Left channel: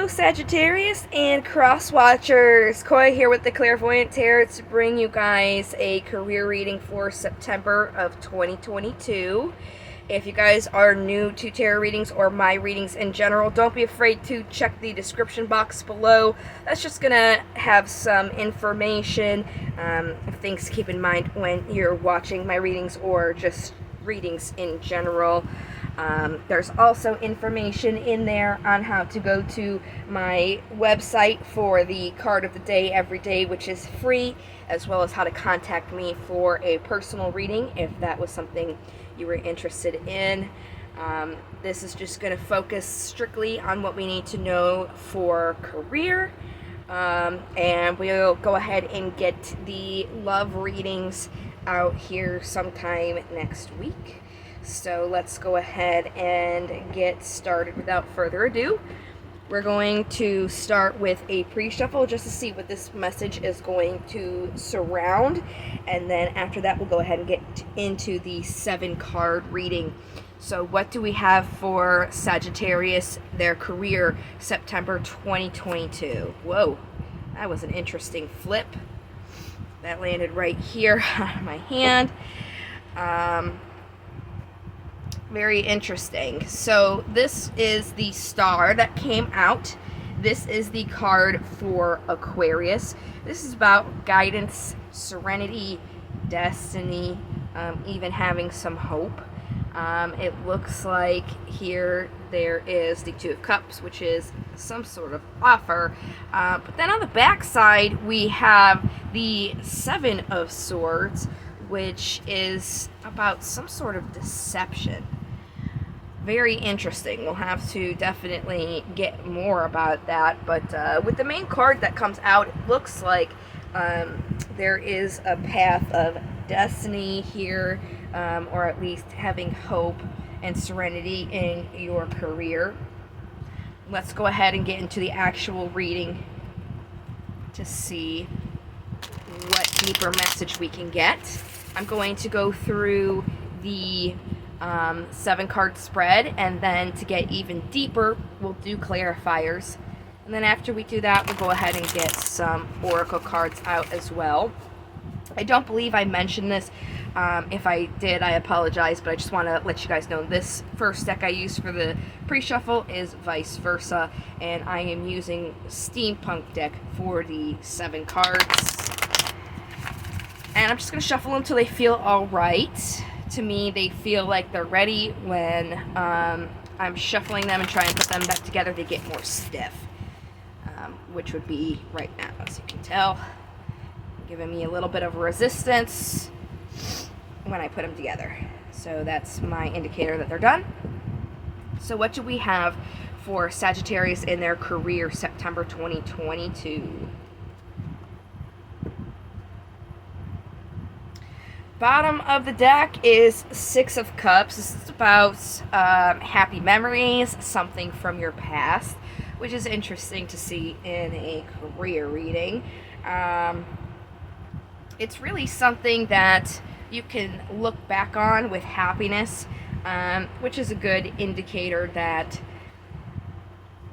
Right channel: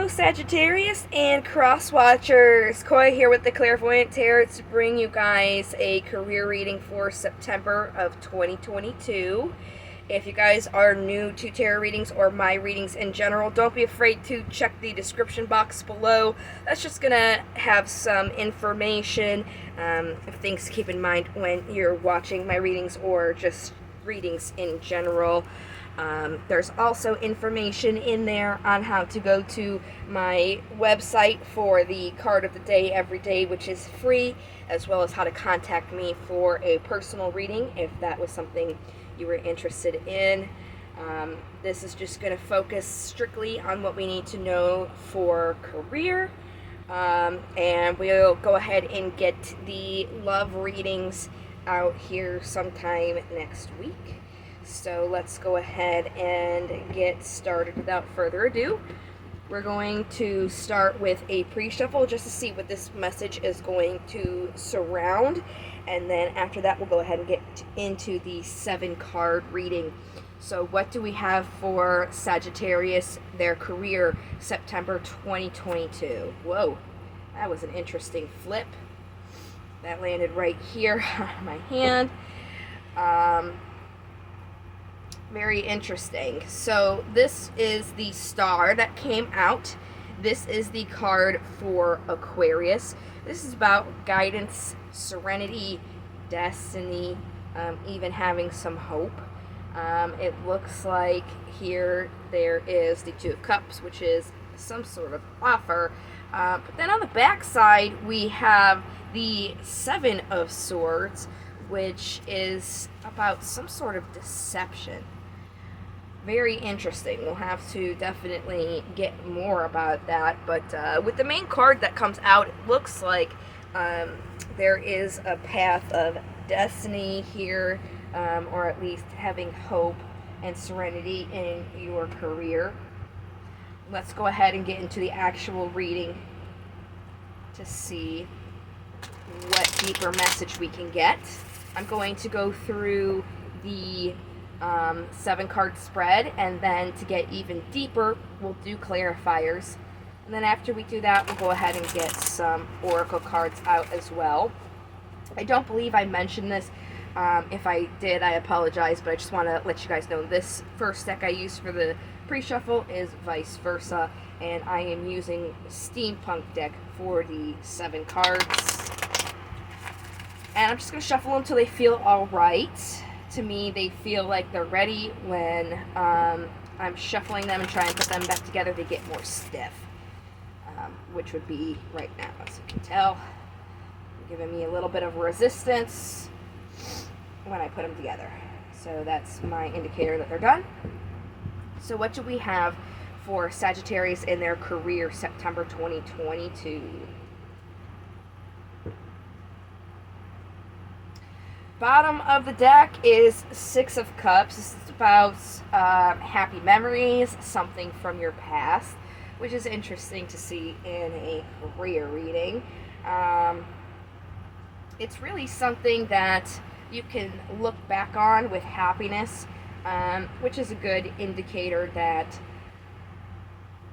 Hello, Sagittarius and Cross Watchers. Koi here with the Clairvoyant Tarot to bring you guys a career reading for September of 2022. If you guys are new to tarot readings or my readings in general, don't be afraid to check the description box below. That's just going to have some information, things to keep in mind when you're watching my readings or just readings in general. There's also information in there on how to go to my website for the card of the day every day, which is free, as well as how to contact me for a personal reading if that was something you were interested in. This is just going to focus strictly on what we need to know for career, and we'll go ahead and get the love readings out here sometime next week. So let's go ahead and get started without further ado. We're going to start with a pre-shuffle just to see what this message is going to surround. And then after that, we'll go ahead and get into the 7-card reading. So what do we have for Sagittarius, their career, September 2022? Whoa, that was an interesting flip. That landed right here on my hand. Very interesting. So this is the star that came out. This is the card for Aquarius. This is about guidance, serenity, destiny, even having some hope. It looks like here there is the 2 of Cups, which is some sort of offer. But then on the back side, we have the 7 of Swords, which is about some sort of deception. Very interesting. We'll have to definitely get more about that. But with the main card that comes out, it looks like there is a path of destiny here, or at least having hope and serenity in your career. Let's go ahead and get into the actual reading to see what deeper message we can get. I'm going to go through the 7-card spread, and then to get even deeper, we'll do clarifiers. And then after we do that, we'll go ahead and get some oracle cards out as well. I don't believe I mentioned this. If I did, I apologize, but I just want to let you guys know this first deck I used for the pre-shuffle is vice versa, and I am using Steampunk deck for the 7 cards. And I'm just going to shuffle until they feel all right. To me, they feel like they're ready. When I'm shuffling them and trying to put them back together, they get more stiff, which would be right now, as you can tell. Giving me a little bit of resistance when I put them together. So that's my indicator that they're done. So what do we have for Sagittarius in their career, September 2022? Bottom of the deck is 6 of Cups. This is about happy memories, something from your past, which is interesting to see in a career reading. It's really something that you can look back on with happiness, which is a good indicator that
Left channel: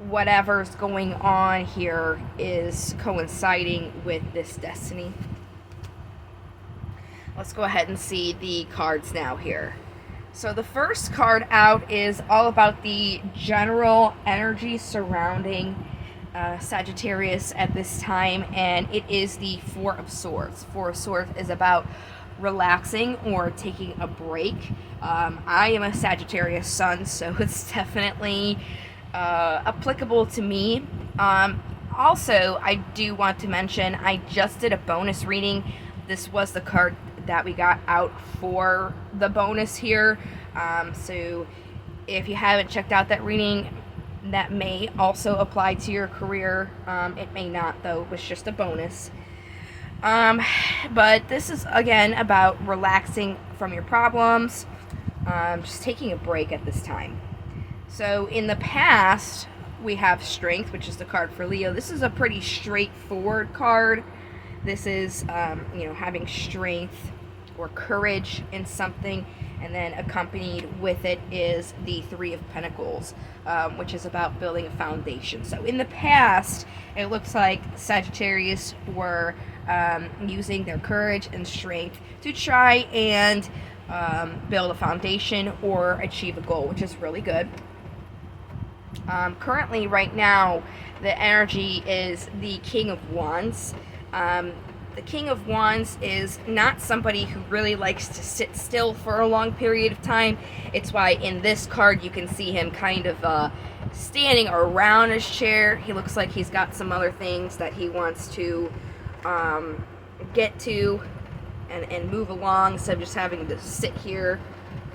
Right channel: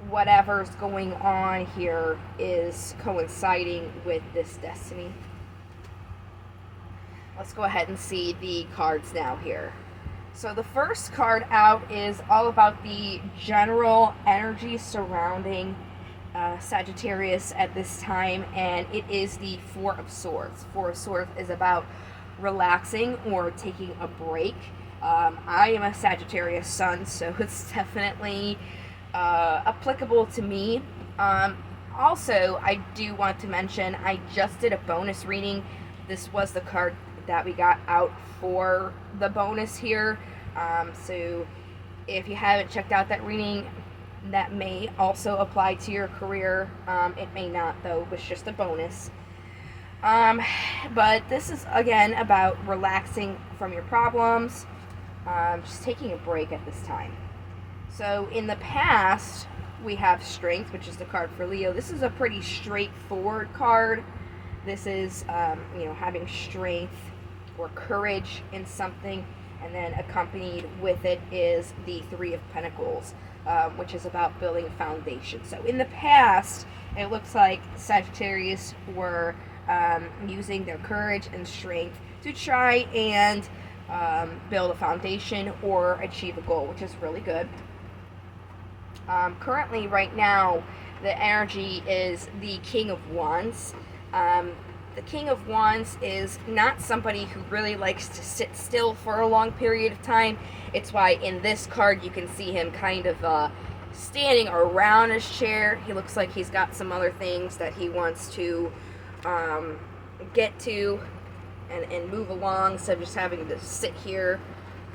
whatever's going on here is coinciding with this destiny. Let's go ahead and see the cards now here. So the first card out is all about the general energy surrounding Sagittarius at this time, and it is the 4 of Swords. 4 of Swords is about relaxing or taking a break. I am a Sagittarius sun, so it's definitely applicable to me. Also, I do want to mention, I just did a bonus reading. This was the card that we got out for the bonus here. So if you haven't checked out that reading, that may also apply to your career. It may not, though. It's just a bonus. But this is, again, about relaxing from your problems, just taking a break at this time. So in the past, we have Strength, which is the card for Leo. This is a pretty straightforward card. This is, having strength or courage in something. And then accompanied with it is the Three of Pentacles, which is about building a foundation. So in the past, it looks like Sagittarius were using their courage and strength to try and build a foundation or achieve a goal, which is really good. Currently, right now, the energy is the King of Wands. The King of Wands is not somebody who really likes to sit still for a long period of time. It's why in this card you can see him kind of standing around his chair. He looks like he's got some other things that he wants to get to and move along, instead of just having to sit here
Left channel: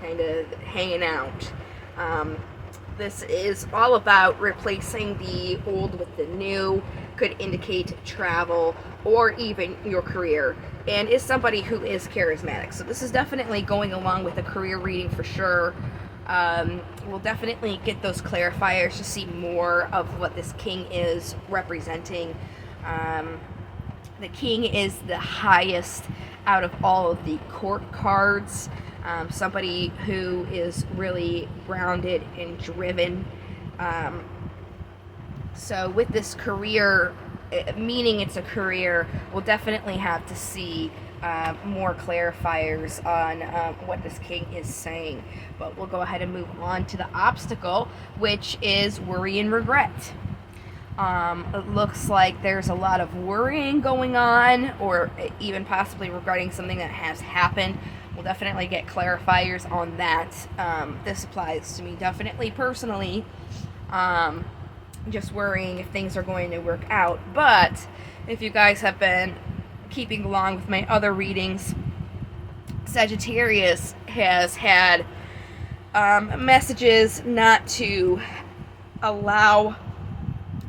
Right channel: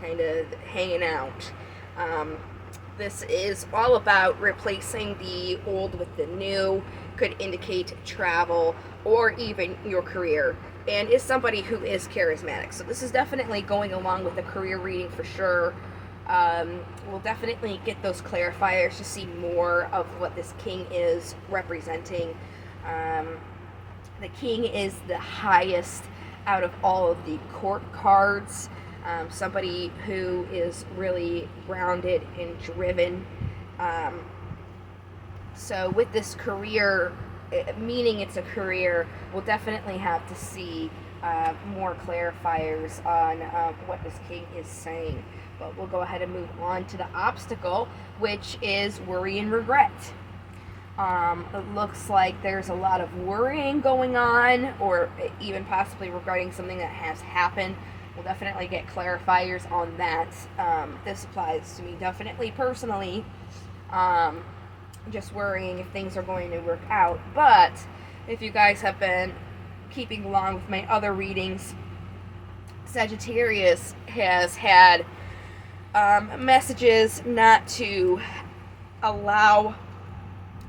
kind of hanging out. This is all about replacing the old with the new. Could indicate travel or even your career, and is somebody who is charismatic. So this is definitely going along with a career reading for sure. We'll definitely get those clarifiers to see more of what this king is representing. The king is the highest out of all of the court cards. Somebody who is really grounded and driven. So with this career, meaning it's a career, we'll definitely have to see more clarifiers on what this king is saying. But we'll go ahead and move on to the obstacle, which is worry and regret. It looks like there's a lot of worrying going on, or even possibly regarding something that has happened. We'll definitely get clarifiers on that. This applies to me definitely personally. Just worrying if things are going to work out. But if you guys have been keeping along with my other readings, Sagittarius has had messages not to allow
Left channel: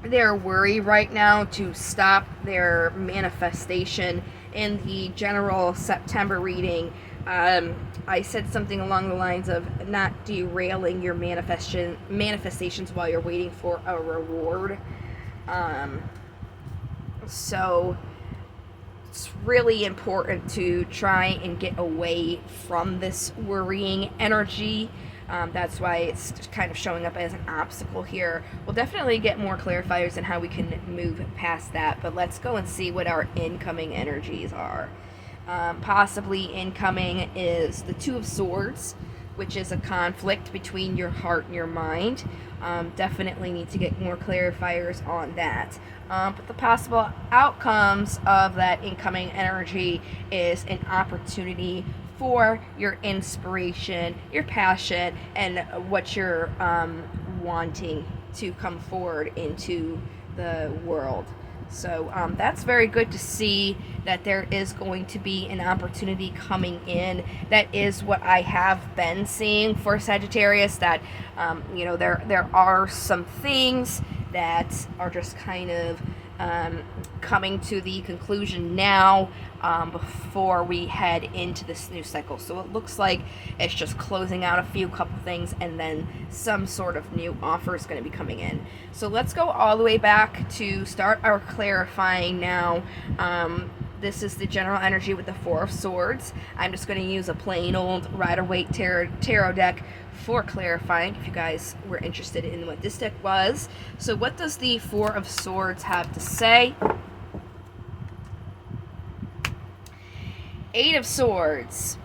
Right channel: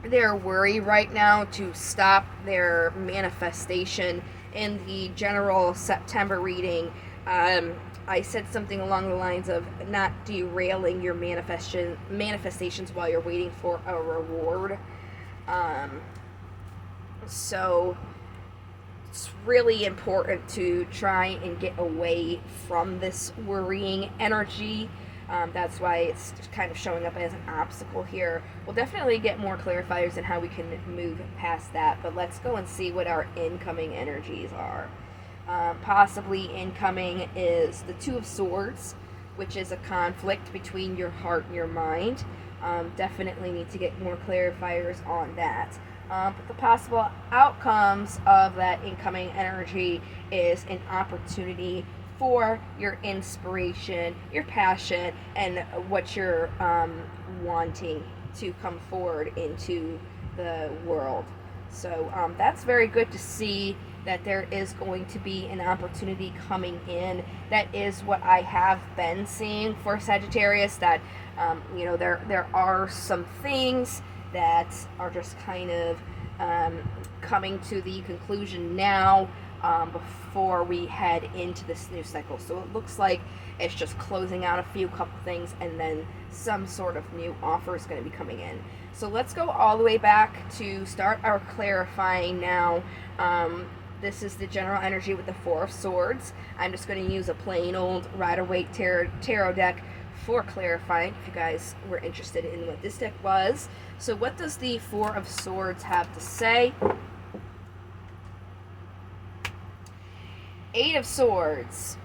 their worry right now to stop their manifestation. In the general September reading, I said something along the lines of not derailing your manifestations while you're waiting for a reward. So it's really important to try and get away from this worrying energy. That's why it's kind of showing up as an obstacle here. We'll definitely get more clarifiers on how we can move past that, but let's go and see what our incoming energies are. Possibly incoming is the Two of Swords, which is a conflict between your heart and your mind. Definitely need to get more clarifiers on that. But the possible outcomes of that incoming energy is an opportunity for your inspiration, your passion, and what you're wanting to come forward into the world. So that's very good to see that there is going to be an opportunity coming in. That is what I have been seeing for Sagittarius, that there are some things that are just kind of coming to the conclusion now, before we head into this new cycle. So it looks like it's just closing out a couple things, and then some sort of new offer is going to be coming in. So let's go all the way back to start our clarifying now. This is the general energy with the Four of Swords. I'm just going to use a plain old Rider-Waite tarot deck for clarifying, if you guys were interested in what this deck was. So what does the Four of Swords have to say? Eight of Swords.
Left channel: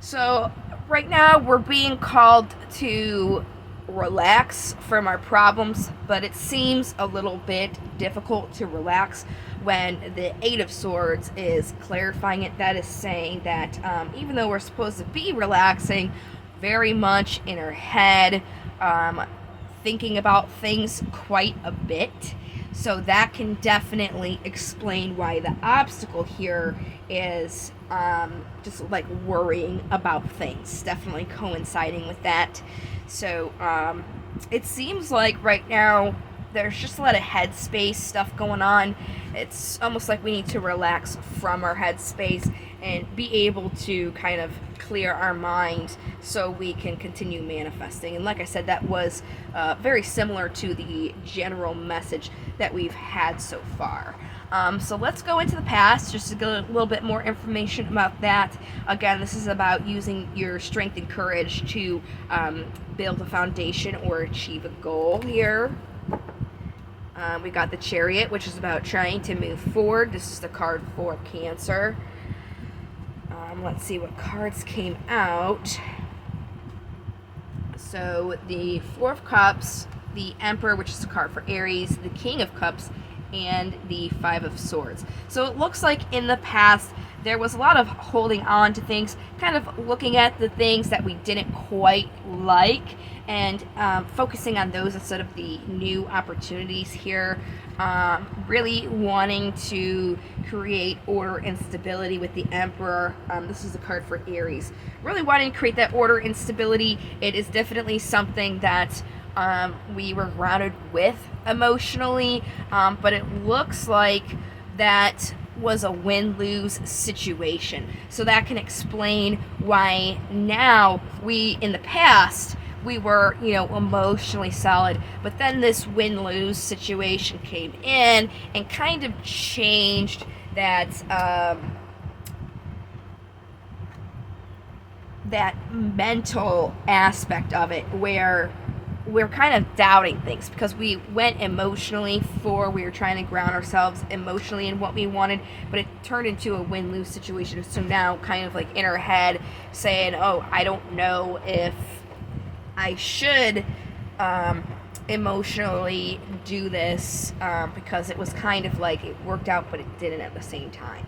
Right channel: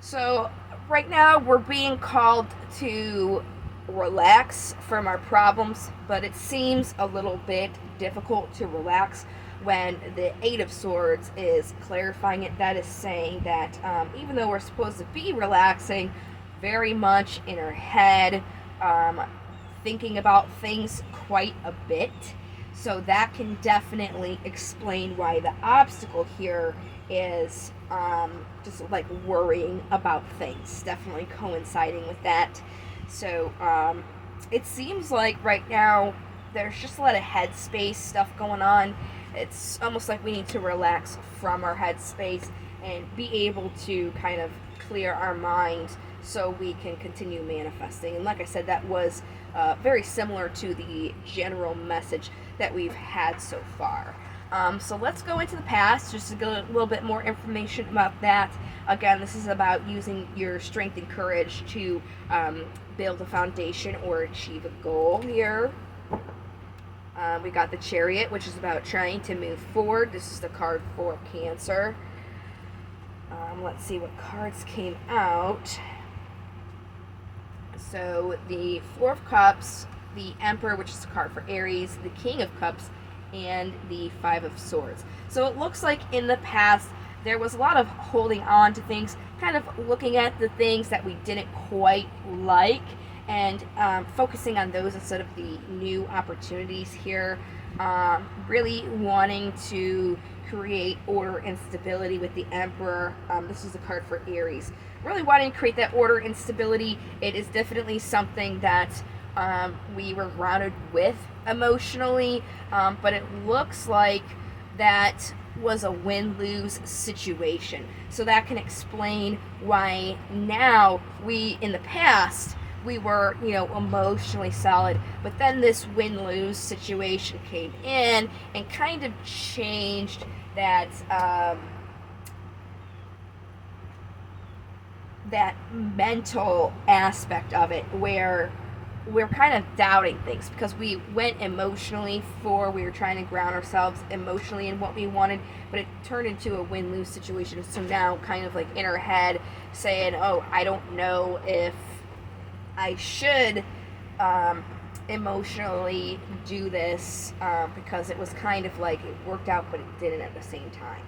So right now we're being called to relax from our problems, but it seems a little bit difficult to relax when the Eight of Swords is clarifying it. That is saying that even though we're supposed to be relaxing, very much in our head, thinking about things quite a bit. So that can definitely explain why the obstacle here is just like worrying about things, definitely coinciding with that. So it seems like right now there's just a lot of headspace stuff going on. It's almost like we need to relax from our headspace and be able to kind of clear our mind so we can continue manifesting. And like I said, that was very similar to the general message that we've had so far. So let's go into the past just to get a little bit more information about that. Again, this is about using your strength and courage to build a foundation or achieve a goal here. We got the Chariot, which is about trying to move forward. This is the card for Cancer. Let's see what cards came out. So the Four of Cups, the Emperor, which is a card for Aries, the King of Cups, and the Five of Swords. So it looks like in the past there was a lot of holding on to things, kind of looking at the things that we didn't quite like, and focusing on those instead of the new opportunities here. Really wanting to create order and stability with the Emperor. This is a card for Aries. Really wanting to create that order and stability. It is definitely something that we were grounded with emotionally, but it looks like that was a win-lose situation. So that can explain why now in the past, we were, emotionally solid, but then this win-lose situation came in and kind of changed that that mental aspect of it, where we're kind of doubting things because we went emotionally we were trying to ground ourselves emotionally in what we wanted, but it turned into a win-lose situation. So now kind of like in our head saying, oh, I don't know if I should emotionally do this because it was kind of like it worked out, but it didn't at the same time.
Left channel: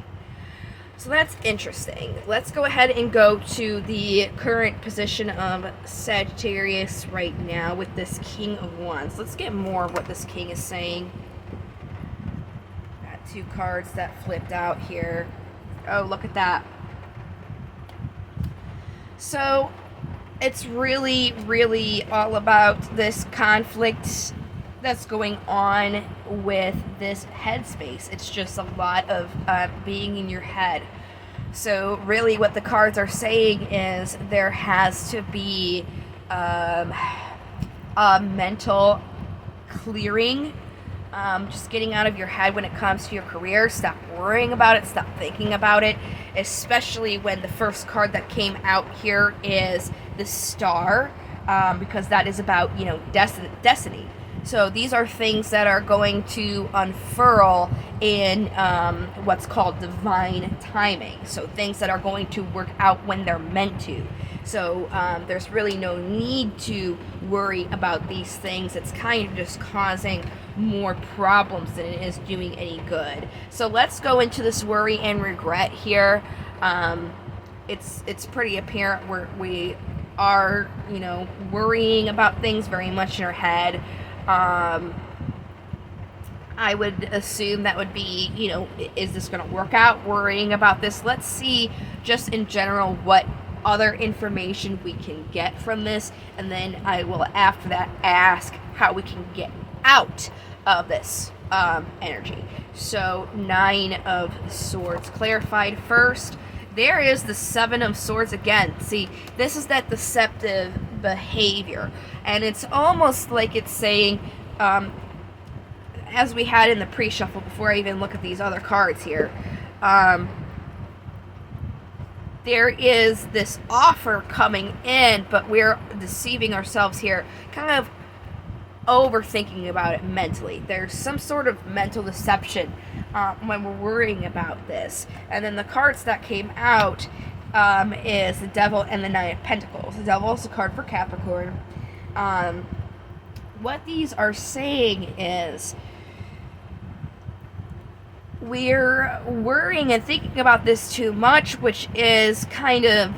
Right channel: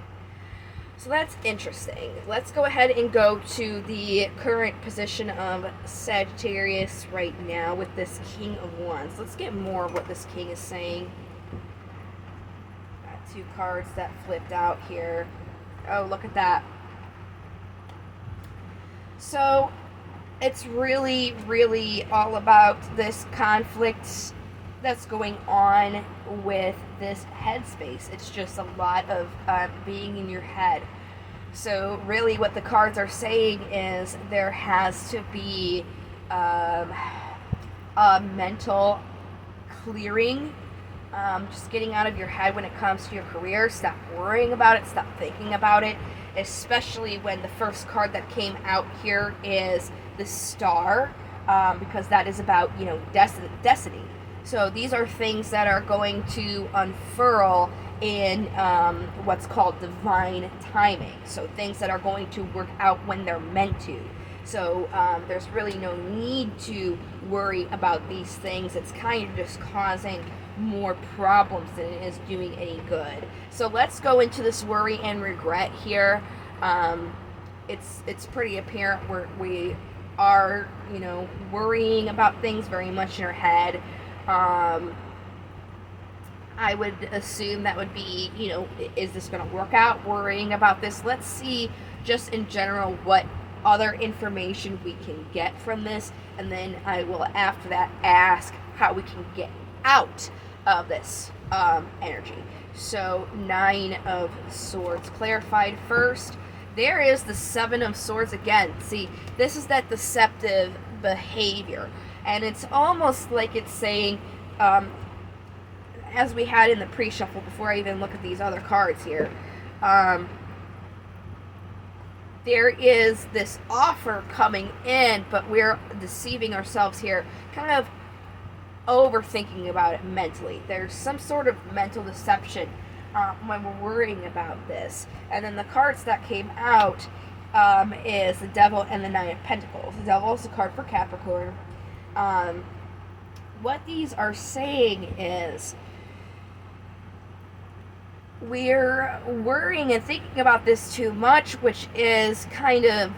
So that's interesting. Let's go ahead and go to the current position of Sagittarius right now with this King of Wands. Let's get more of what this King is saying. Got two cards that flipped out here. Oh, look at that. So it's really, really all about this conflict that's going on with this headspace. It's just a lot of being in your head. So really what the cards are saying is there has to be a mental clearing, just getting out of your head when it comes to your career. Stop worrying about it, stop thinking about it, especially when the first card that came out here is the Star, because that is about, destiny. So these are things that are going to unfurl in what's called divine timing. So things that are going to work out when they're meant to. So there's really no need to worry about these things. It's kind of just causing more problems than it is doing any good. So let's go into this worry and regret here. It's pretty apparent we are, worrying about things very much in our head. I would assume that would be, is this going to work out? Worrying about this. Let's see just in general what other information we can get from this, and then I will after that ask how we can get out of this energy. So 9 of Swords clarified first. There is the 7 of Swords again. See, this is that deceptive behavior, and it's almost like it's saying, as we had in the pre-shuffle before I even look at these other cards here, there is this offer coming in, but we're deceiving ourselves here, kind of overthinking about it mentally. There's some sort of mental deception when we're worrying about this. And then the cards that came out is the Devil and the Nine of Pentacles. The Devil is a card for Capricorn. What these are saying is we're worrying and thinking about this too much, which is kind of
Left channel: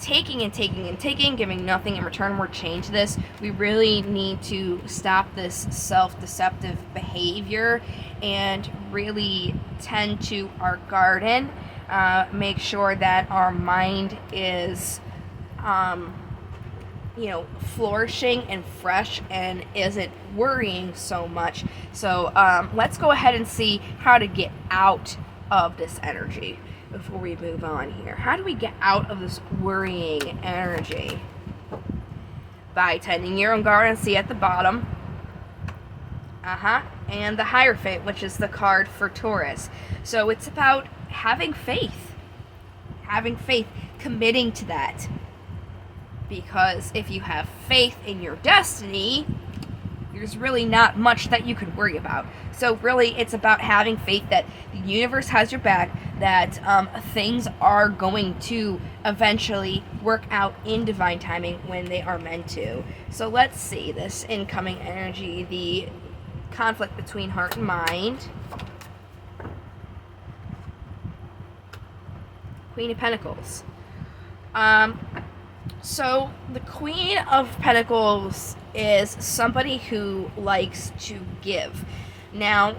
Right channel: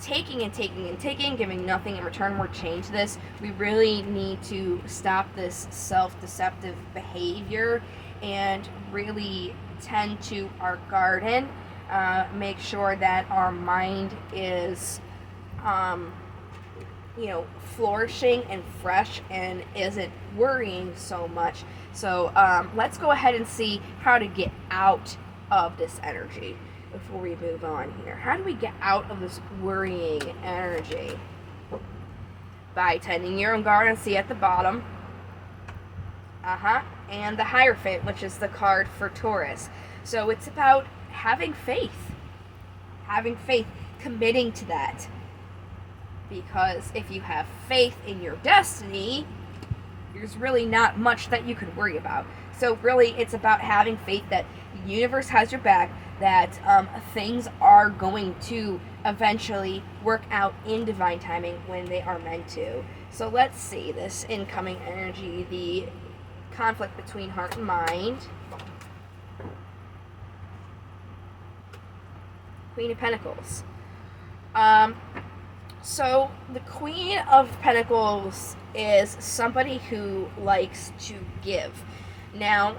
taking and taking and taking, giving nothing in return. We're change this. We really need to stop this self-deceptive behavior and really tend to our garden. Make sure that our mind is flourishing and fresh and isn't worrying so much. So let's go ahead and see how to get out of this energy before we move on here. How do we get out of this worrying energy? By tending your own garden. See at the bottom, And the Hierophant, which is the card for Taurus. So it's about having faith. Having faith, committing to that. Because if you have faith in your destiny, there's really not much that you could worry about. So really, it's about having faith that the universe has your back, that things are going to eventually work out in divine timing when they are meant to. So let's see this incoming energy, the conflict between heart and mind. Queen of Pentacles. So the Queen of Pentacles is somebody who likes to give. Now,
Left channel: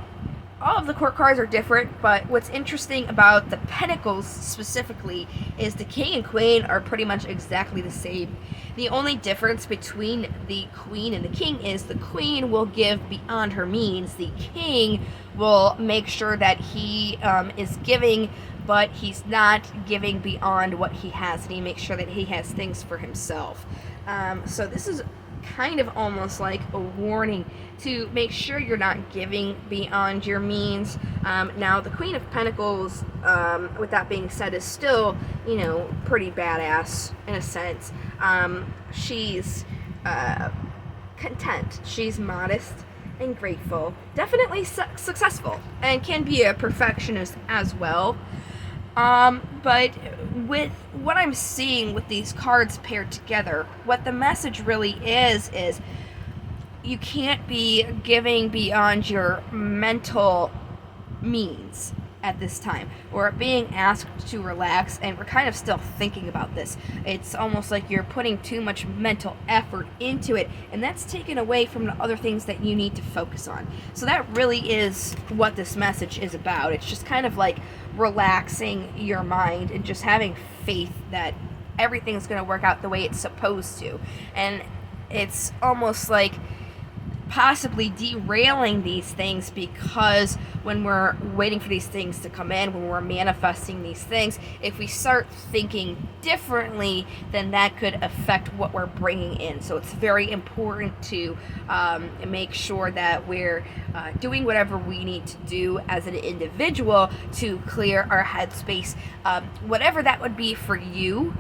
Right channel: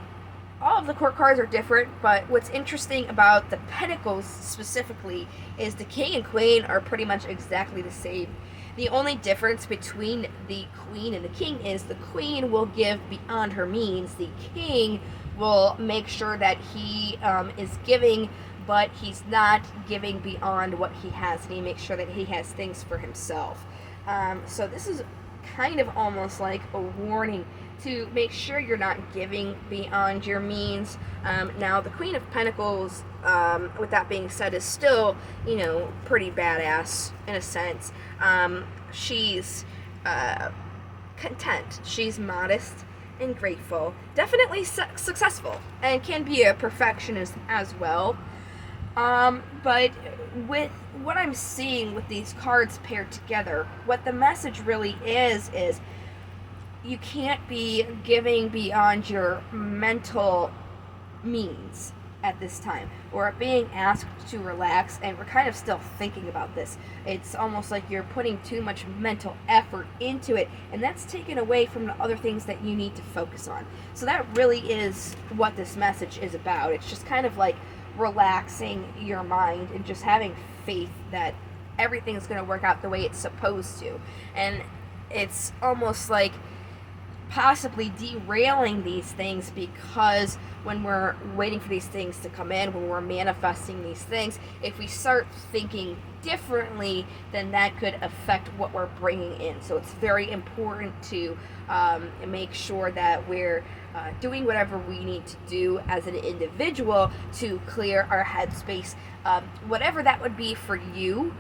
all of the court cards are different, but what's interesting about the Pentacles specifically is the King and Queen are pretty much exactly the same. The only difference between the Queen and the King is the Queen will give beyond her means. The King will make sure that he is giving, but he's not giving beyond what he has, and he makes sure that he has things for himself. So this is kind of almost like a warning to make sure you're not giving beyond your means. Now, the Queen of Pentacles, with that being said, is still, pretty badass in a sense. She's content. She's modest and grateful. Definitely successful, and can be a perfectionist as well. But with what I'm seeing with these cards paired together, what the message really is you can't be giving beyond your mental means at this time. We're being asked to relax, and we're kind of still thinking about this. It's almost like you're putting too much mental effort into it, and that's taken away from the other things that you need to focus on. So that really is what this message is about. It's just kind of like relaxing your mind and just having faith that everything's going to work out the way it's supposed to. And it's almost like possibly derailing these things, because when we're waiting for these things to come in, when we're manifesting these things, if we start thinking differently, then that could affect what we're bringing in. So it's very important to make sure that we're doing whatever we need to do as an individual to clear our headspace, whatever that would be for you.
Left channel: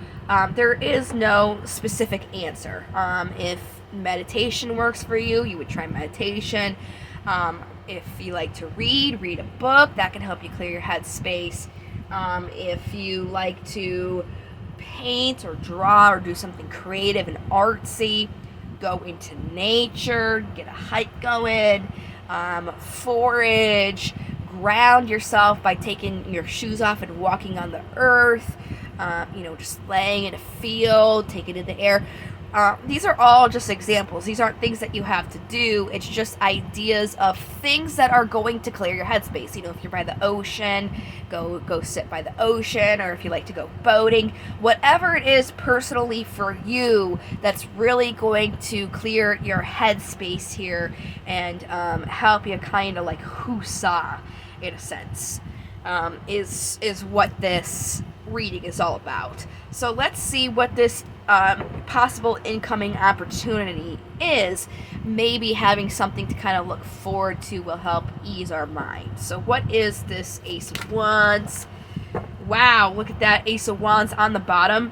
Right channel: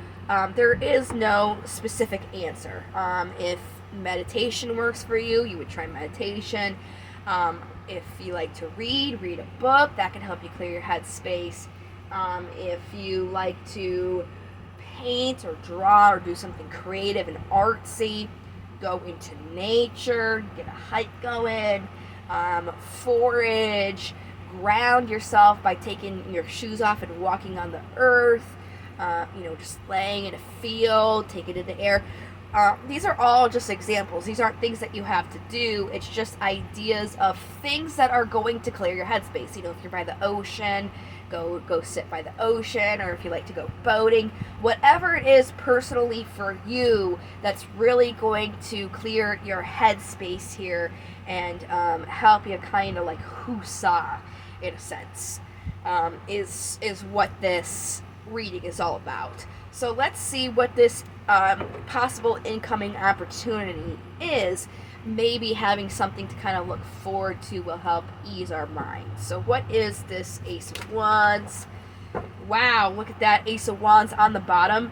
There is no specific answer. If meditation works for you, you would try meditation. If you like to read a book, that can help you clear your headspace. If you like to paint or draw or do something creative and artsy, go into nature, get a hike going, forage, ground yourself by taking your shoes off and walking on the earth, just laying in a field, taking in the air. These are all just examples. These aren't things that you have to do. It's just ideas of things that are going to clear your headspace. If you're by the ocean, go sit by the ocean, or if you like to go boating, whatever it is personally for you that's really going to clear your headspace here and help you kind of like whoosah, in a sense, is what this reading is all about. So let's see what this possible incoming opportunity is. Maybe having something to kind of look forward to will help ease our mind. So what is this Ace of Wands? Wow, look at that Ace of Wands on the bottom.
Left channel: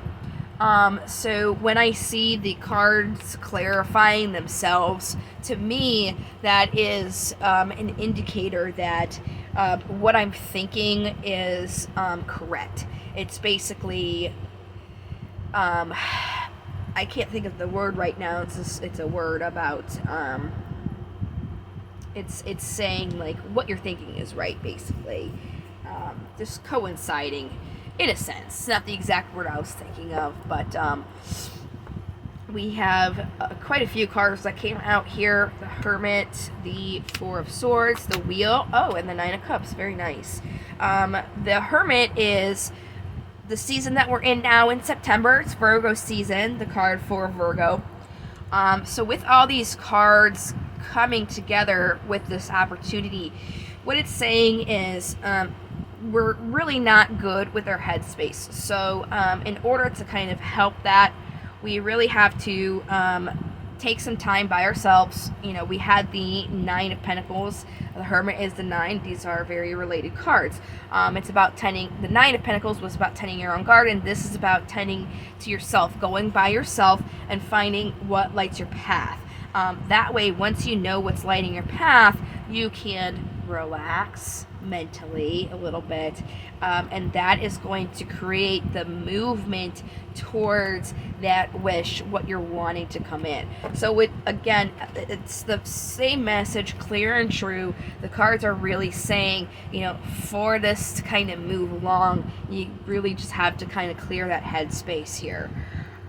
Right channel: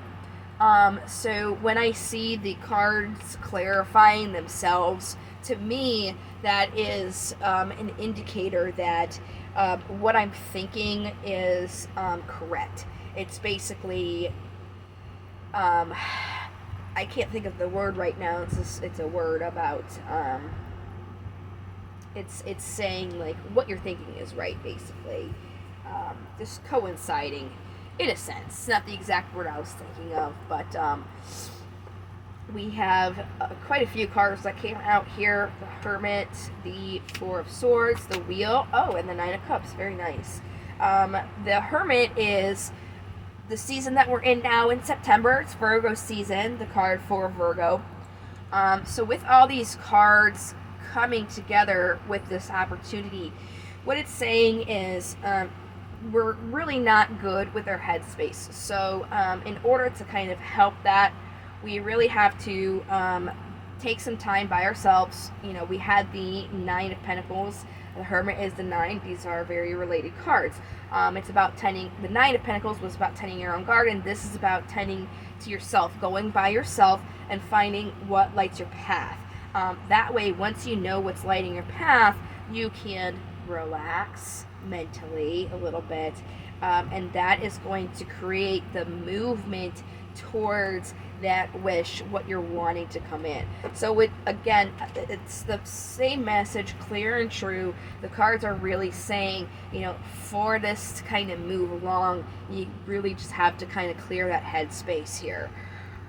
So when I see the cards clarifying themselves, to me, that is an indicator that what I'm thinking is correct. It's basically, I can't think of the word right now. It's a word about, it's saying like what you're thinking is right, basically. Just coinciding in a sense. It's not the exact word I was thinking of, but we have quite a few cards that came out here. The Hermit, the Four of Swords, the Wheel, and the Nine of Cups. Very nice. The Hermit is the season that we're in now in September. It's Virgo season, the card for Virgo. So with all these cards coming together with this opportunity, what it's saying is we're really not good with our headspace. So in order to kind of help that, we really have to take some time by ourselves. You know, we had the Nine of Pentacles. The Hermit is the 9. These are very related cards. It's about tending. The Nine of Pentacles was about tending your own garden. This is about tending to yourself, going by yourself and finding what lights your path. That way, once you know what's lighting your path, you can relax mentally a little bit, and that is going to create the movement towards that wish, what you're wanting to come in. So again, it's the same message, clear and true. The cards are really saying, you know, for this to kind of move along, you really just have to kind of clear that headspace here.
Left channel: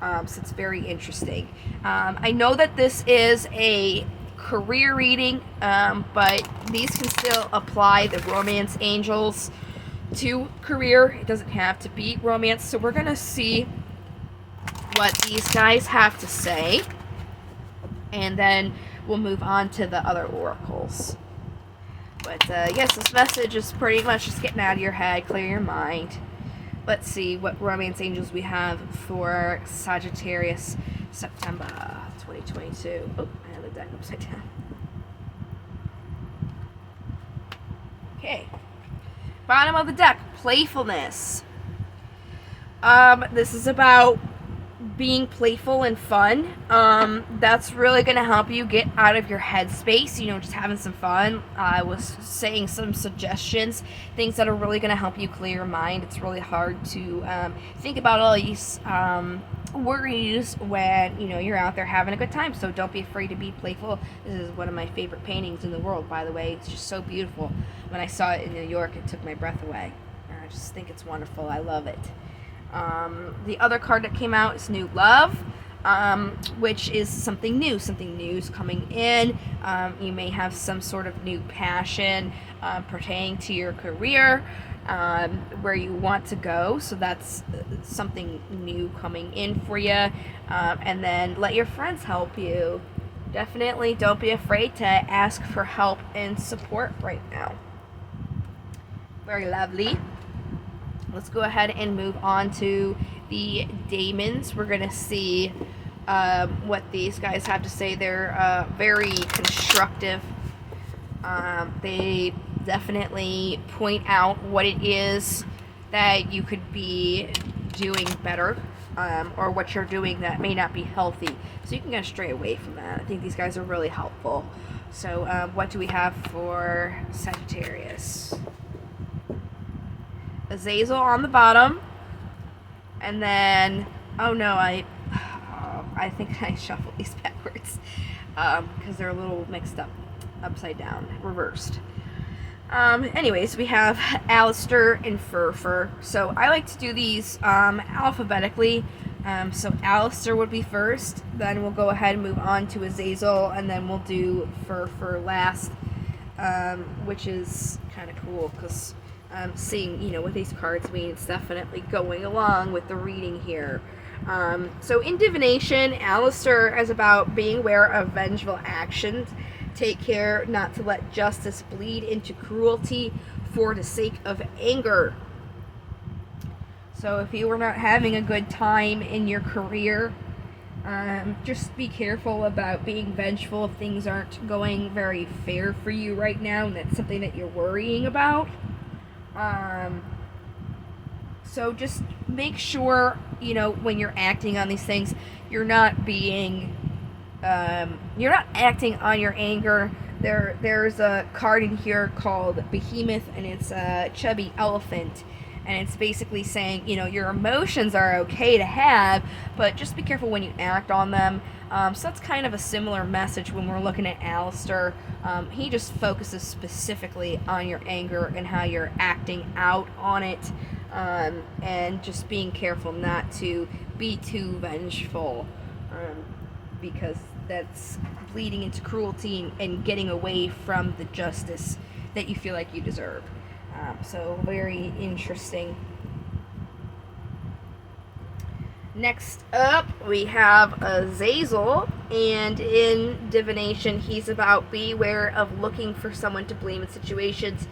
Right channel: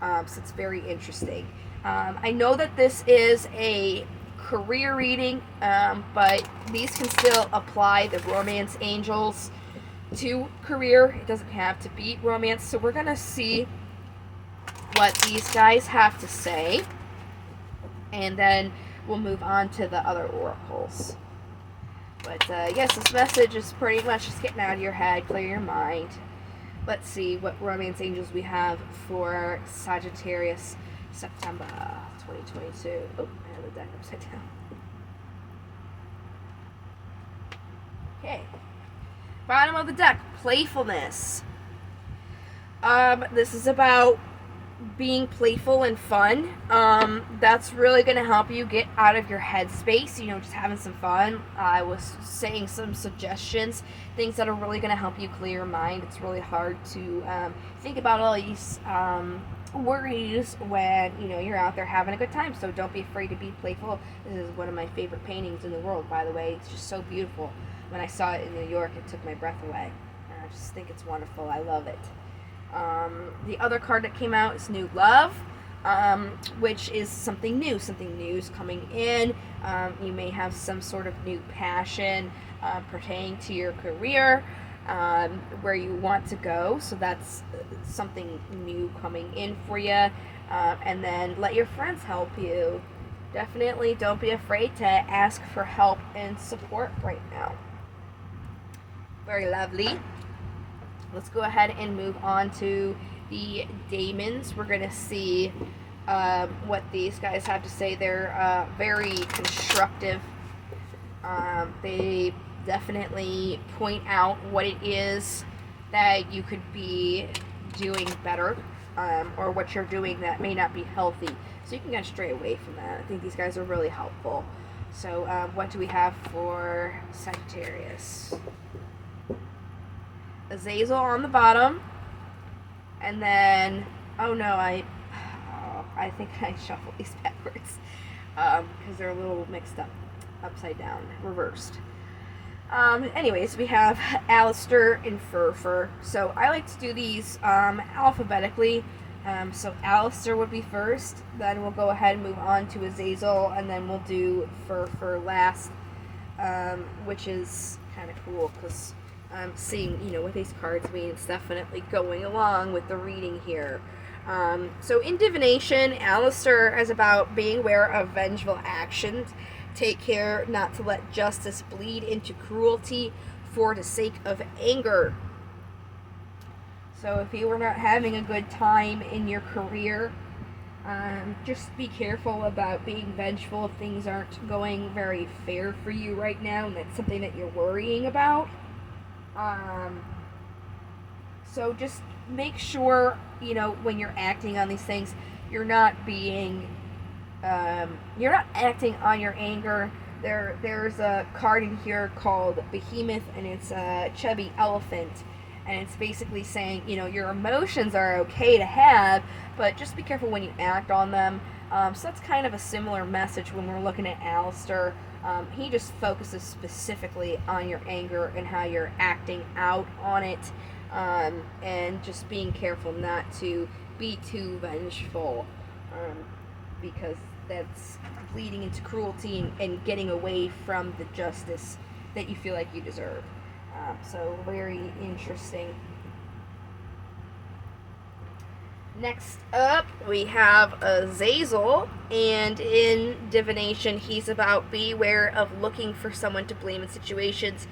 So it's very interesting. I know that this is a career reading, but these can still apply the romance angels to career. It doesn't have to be romance. So we're going to see what these guys have to say, and then we'll move on to the other oracles. But yes, this message is pretty much just getting out of your head, clear your mind. Let's see what romance angels we have for Sagittarius September 2022. Oh, I had the deck upside down. Okay. Bottom of the deck, playfulness. This is about being playful and fun. That's really going to help you get out of your headspace, you know, just having some fun. I was saying some suggestions, things that are really going to help you clear your mind. It's really hard to think about all these worries when, you know, you're out there having a good time. So don't be afraid to be playful. This is one of my favorite paintings in the world, by the way. It's just so beautiful. When I saw it in New York, it took my breath away. I just think it's wonderful. I love it. The other card that came out is New Love, which is something new. Something new is coming in. You may have some sort of new passion pertaining to your career, where you want to go. So that's something new coming in for you. And then let your friends help you. Definitely don't be afraid to ask for help and support right now. Very lovely. Let's go ahead and move on to the Daemons. We're going to see what these guys have to say. They're very constructive. They definitely point out what it is that you could be doing better, or what you're doing that may not be healthy. So you can kind of stray away from that. I think these guys are really helpful. So what do we have for Sagittarius? Azazel on the bottom, and then I think I shuffled these backwards because they're a little mixed up, upside down, reversed. Anyways, we have Alistair and Fur. So I like to do these alphabetically. So Alistair would be first, then we'll go ahead and move on to Azazel, and then we'll do Fur last, which is kind of cool because seeing, you know, what these cards mean. It's definitely going along with the reading here. So in divination, Alistair is about being aware of vengeful actions. Take care not to let justice bleed into cruelty for the sake of anger. So if you are not having a good time in your career, just be careful about being vengeful if things aren't going very fair for you right now, and that's something that you're worrying about. So just make sure, you know, when you're acting on these things, you're not being, you're not acting on your anger. There's a card in here called Behemoth, and it's a chubby elephant, and it's basically saying, you know, your emotions are okay to have, but just be careful when you act on them. So that's kind of a similar message when we're looking at Alistair. He just focuses specifically on your anger and how you're acting out on it, and just being careful not to be too vengeful, because that's bleeding into cruelty and getting away from the justice that you feel like you deserve. So very interesting. Next up, we have Azazel, and in divination, he's about beware of looking for someone to blame in situations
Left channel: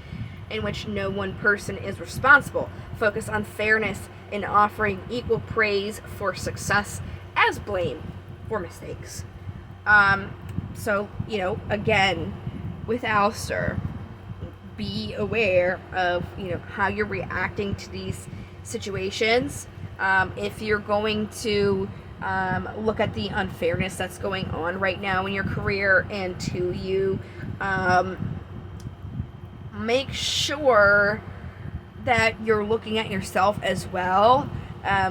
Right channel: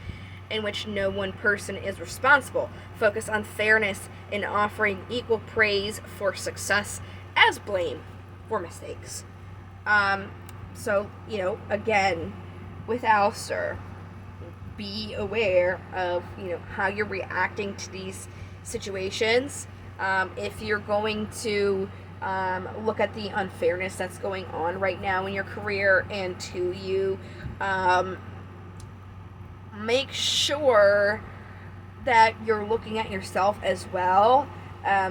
in which no one person is responsible. Focus on fairness in offering equal praise for success as blame for mistakes. So, again, with Alistair, be aware of, how you're reacting to these situations. If you're going to look at the unfairness that's going on right now in your career and to you, make sure that you're looking at yourself as well,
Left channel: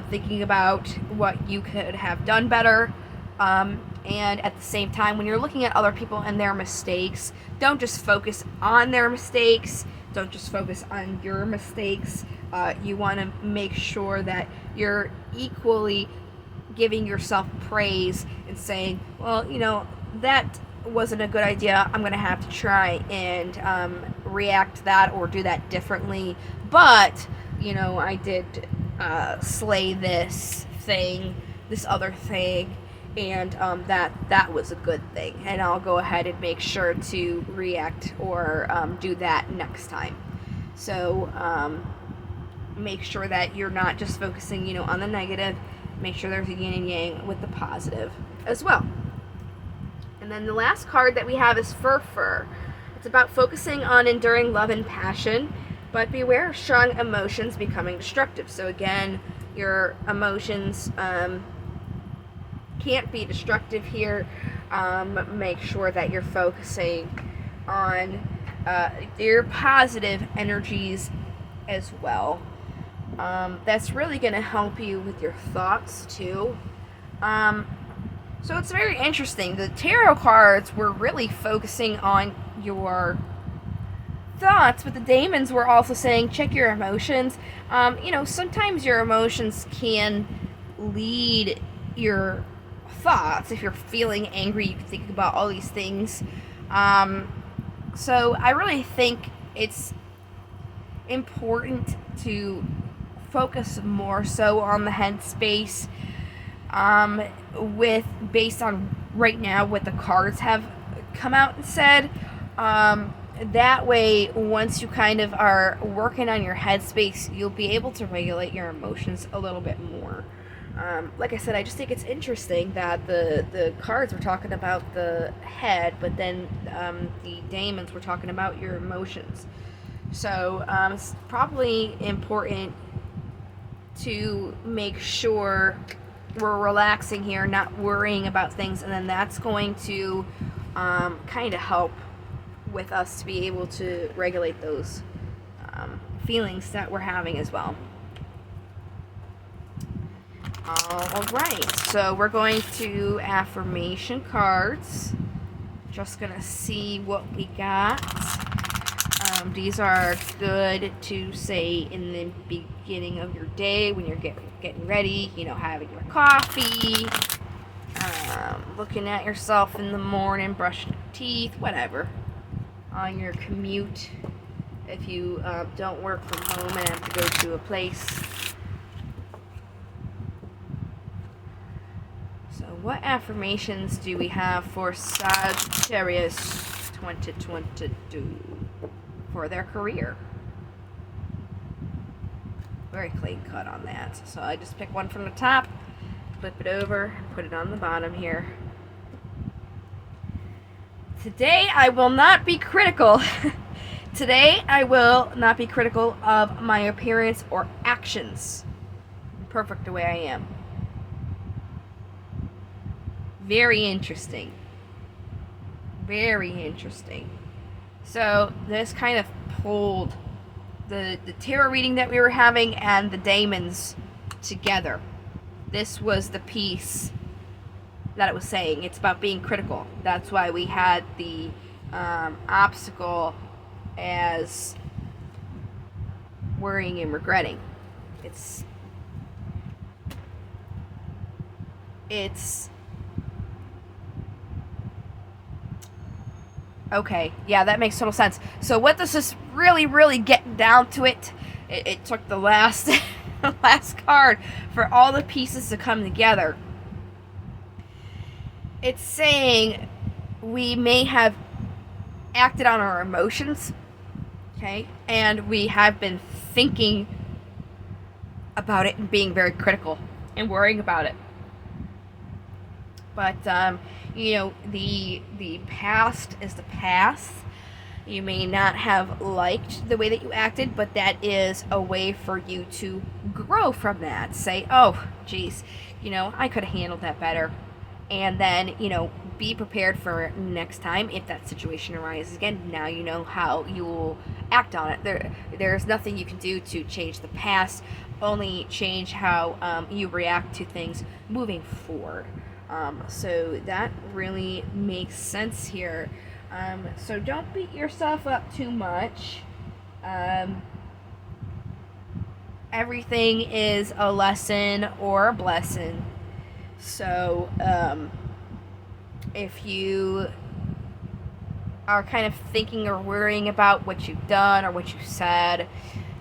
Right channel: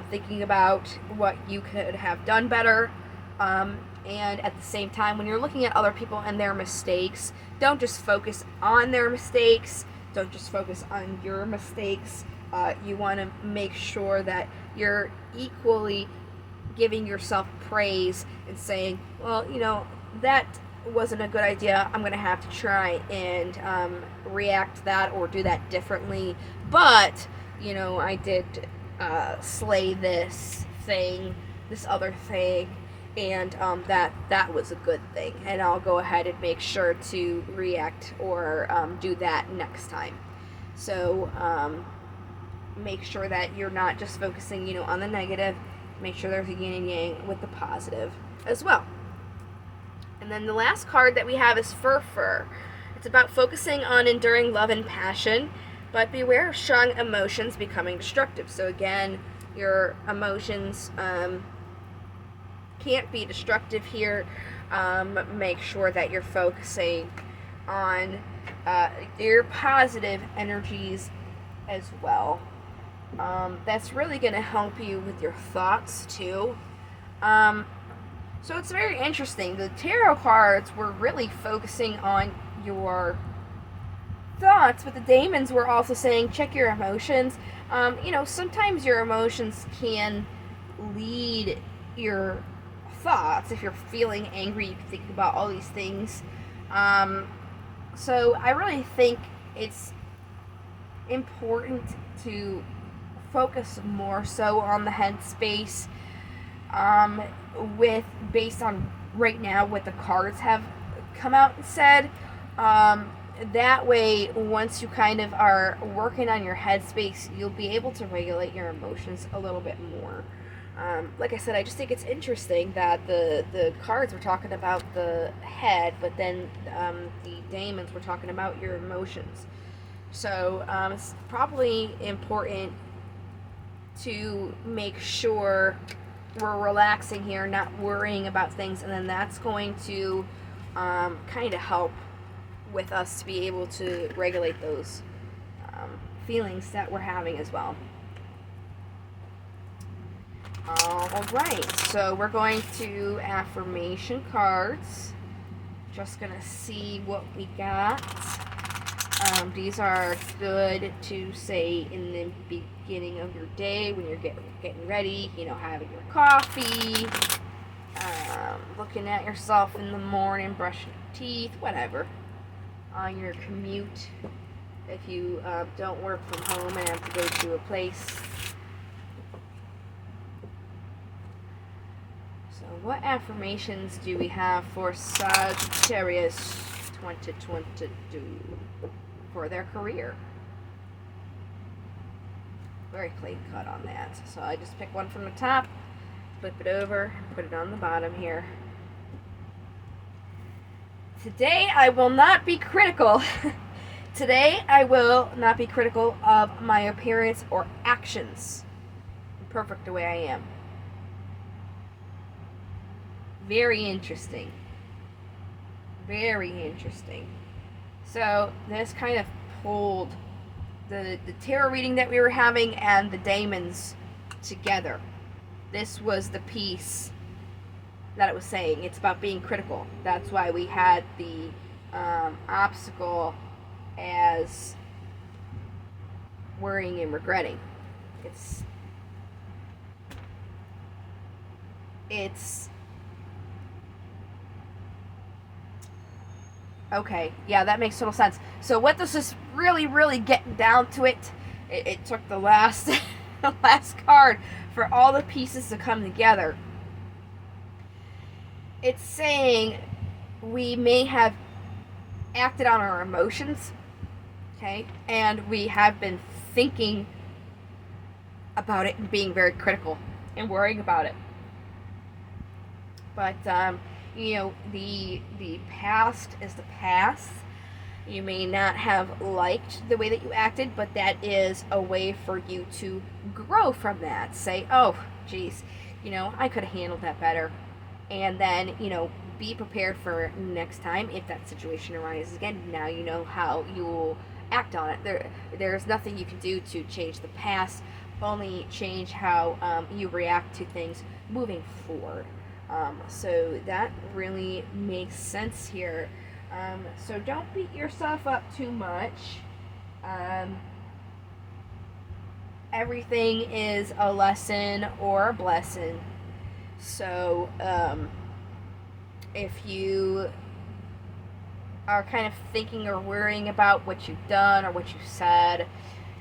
thinking about what you could have done better. And at the same time, when you're looking at other people and their mistakes, don't just focus on their mistakes. Don't just focus on your mistakes. You want to make sure that you're equally giving yourself praise and saying, well, that wasn't a good idea. I'm going to have to try and react to that or do that differently. But, I did slay this other thing, and that was a good thing, and I'll go ahead and make sure to react or do that next time. So make sure that you're not just focusing on the negative. Make sure there's a yin and yang with the positive as well. And then the last card that we have is Fur. It's about focusing on enduring love and passion, but beware of strong emotions becoming destructive. So again, your emotions can't be destructive here. Make sure that you're focusing on your positive energies as well. That's really going to help you with your thoughts too. So it's very interesting. The tarot cards were really focusing on your thoughts, but the demons were also saying check your emotions. Sometimes your emotions can lead your thoughts. If you're feeling angry, you can think about all these things. So I really think it's important to focus more so on the headspace, based on right now what the cards have come out and said. That way, once you kind of are working on your headspace, you'll be able to regulate your emotions a little bit more. Like I said, I just think it's interesting that the cards were talking about the head, but then the demons were talking about your emotions. So it's probably important to make sure we're relaxing here, not worrying about things, and then that's going to kind of help with us to be able to regulate those feelings that we're having as well. All right, so we're going to affirmation cards. Just gonna see what we got. These are good to say in the beginning of your day when you're getting ready, having your coffee, looking at yourself in the morning, brushing your teeth, whatever. On your commute, if you don't work from home and have to go to a place. So what affirmations do we have for Sagittarius 2022 for their career? Very clean cut on that. So I just pick one from the top, flip it over, put it on the bottom here. Today I will not be critical. Today I will not be critical of my appearance or actions. I'm perfect the way I am. Very interesting. Very interesting. So this kind of pulled the tarot reading that we were having and the demons together. This was the piece that it was saying. It's about being critical. That's why we had the obstacle as worrying and regretting. It's okay, yeah, that makes total sense. So what this is really getting down to it took the last the last card for all the pieces to come together. It's saying we may have acted on our emotions, okay, and we have been thinking about it and being very critical and worrying about it. But you know, the past is the past. You may not have liked the way that you acted, but that is a way for you to grow from that. Say, oh, geez, you know, I could have handled that better. And then, you know, be prepared for next time if that situation arises again. Now you know how you will act on it. There's nothing you can do to change the past, only change how you react to things moving forward. So that really makes sense here. So don't beat yourself up too much. Everything is a lesson or a blessing. So if you are kind of thinking or worrying about what you've done or what you said,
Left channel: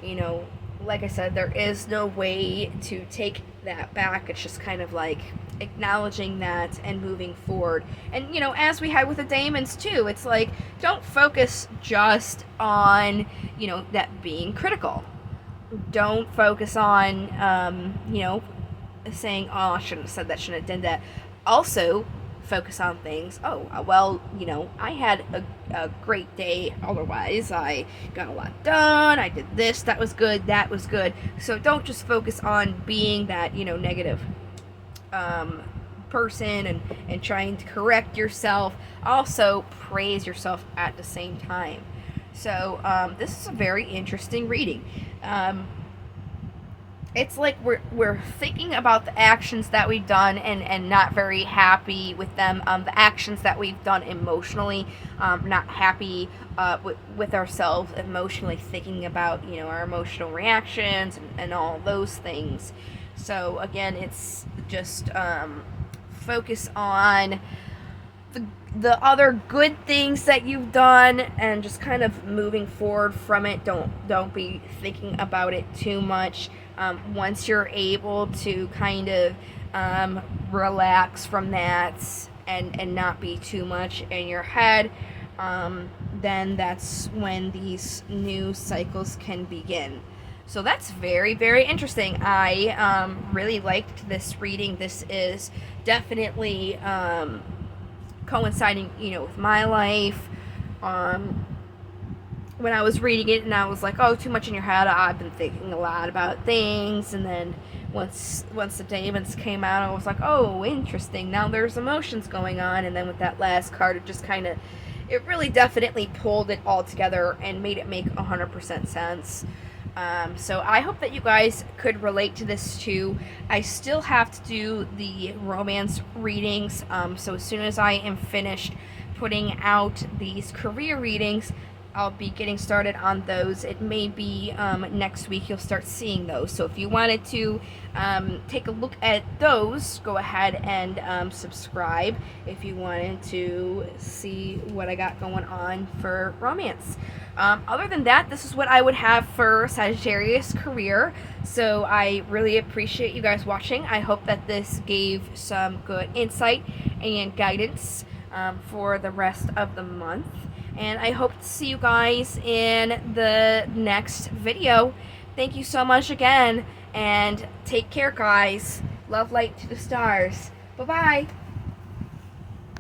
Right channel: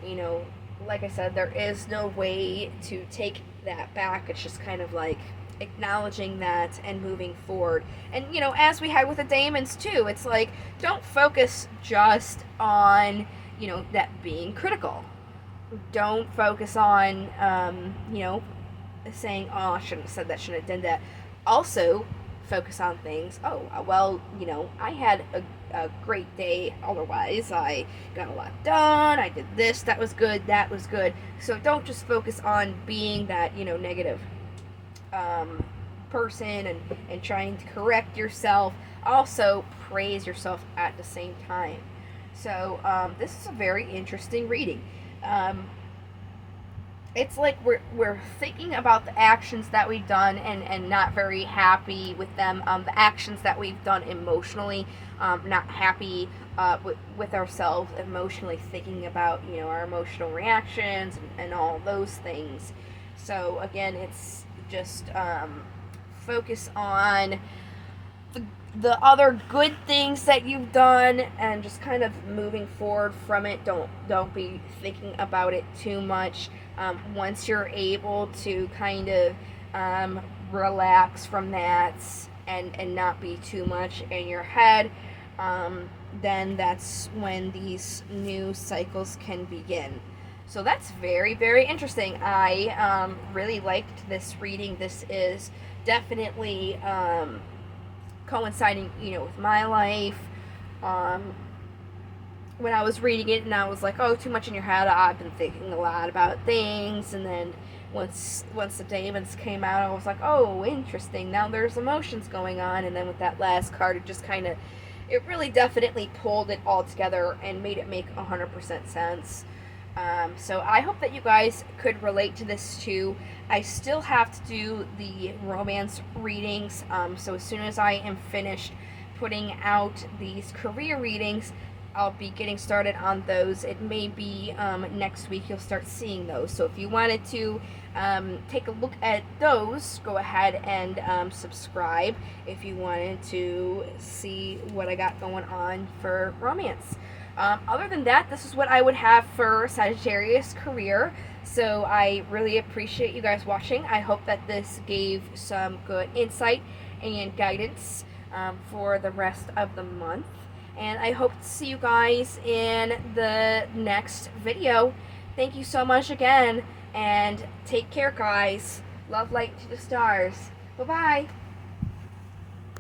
you know, like I said, there is no way to take that back. It's just kind of like acknowledging that and moving forward. And, you know, as we had with the demons too, it's like, don't focus just on, you know, that being critical. Don't focus on, you know, saying, oh, I shouldn't have said that, shouldn't have done that. Also, focus on things. Oh, well, you know, I had a great day otherwise. I got a lot done. I did this. That was good. That was good. So don't just focus on being that, you know, negative person and trying to correct yourself. Also, praise yourself at the same time. So this is a very interesting reading. It's like we're thinking about the actions that we've done and not very happy with them. The actions that we've done emotionally, not happy with ourselves emotionally, thinking about, you know, our emotional reactions and all those things. So again, it's just focus on the other good things that you've done and just kind of moving forward from it. Don't be thinking about it too much. Once you're able to kind of relax from that and not be too much in your head, then that's when these new cycles can begin. So that's very, very interesting. I really liked this reading. This is definitely coinciding, you know, with my life. When I was reading it and I was like, oh, too much in your head, I've been thinking a lot about things. And then once the demons came out, I was like, oh, interesting, now there's emotions going on. And then with that last card, it just kind of, it really definitely pulled it all together and made it make 100% sense. So I hope that you guys could relate to this too. I still have to do the romance readings, so as soon as I am finished putting out these career readings, I'll be getting started on those. It may be next week you'll start seeing those. So if you wanted to take a look at those, go ahead and subscribe if you wanted to see what I got going on for romance. Other than that, this is what I would have for Sagittarius career. So I really appreciate you guys watching. I hope that this gave some good insight and guidance for the rest of the month. And I hope to see you guys in the next video. Thank you so much again, and take care, guys. Love, light to the stars. Bye-bye.